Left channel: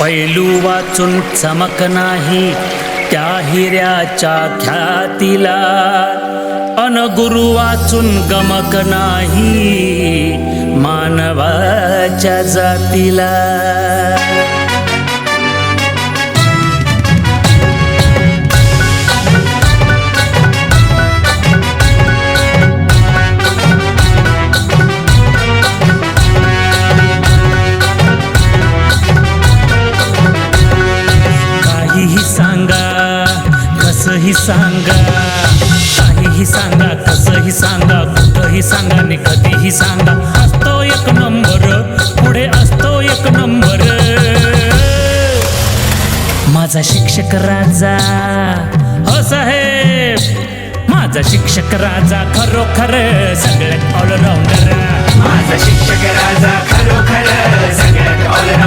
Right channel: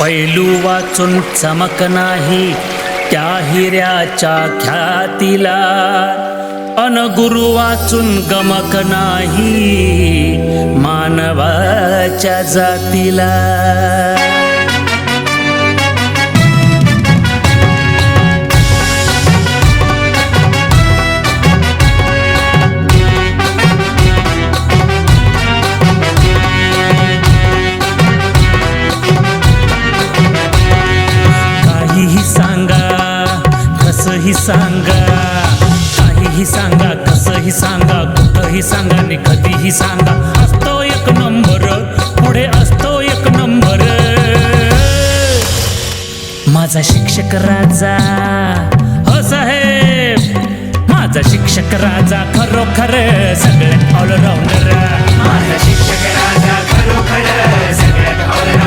पैलू वाचून चमक नाही त्या हिऱ्याच्या ख्यातीला, अन गुरु वाचून गमक नाही मानवाच्या जातीला. काहीही सांगा कसंही सांगा, काहीही सांगा कसंही सांगा, कुठंही सांगा आणि कधीही सांगा, असतो एक नंबर, पुढे असतो एक नंबर. माझा शिक्षक राजा, हो साहेब माझा शिक्षक राजा, खरोखर सगळ्यात ऑलराऊंडर. माझा शिक्षक राजा खरोखर सगळ्यात ऑलराऊंडर.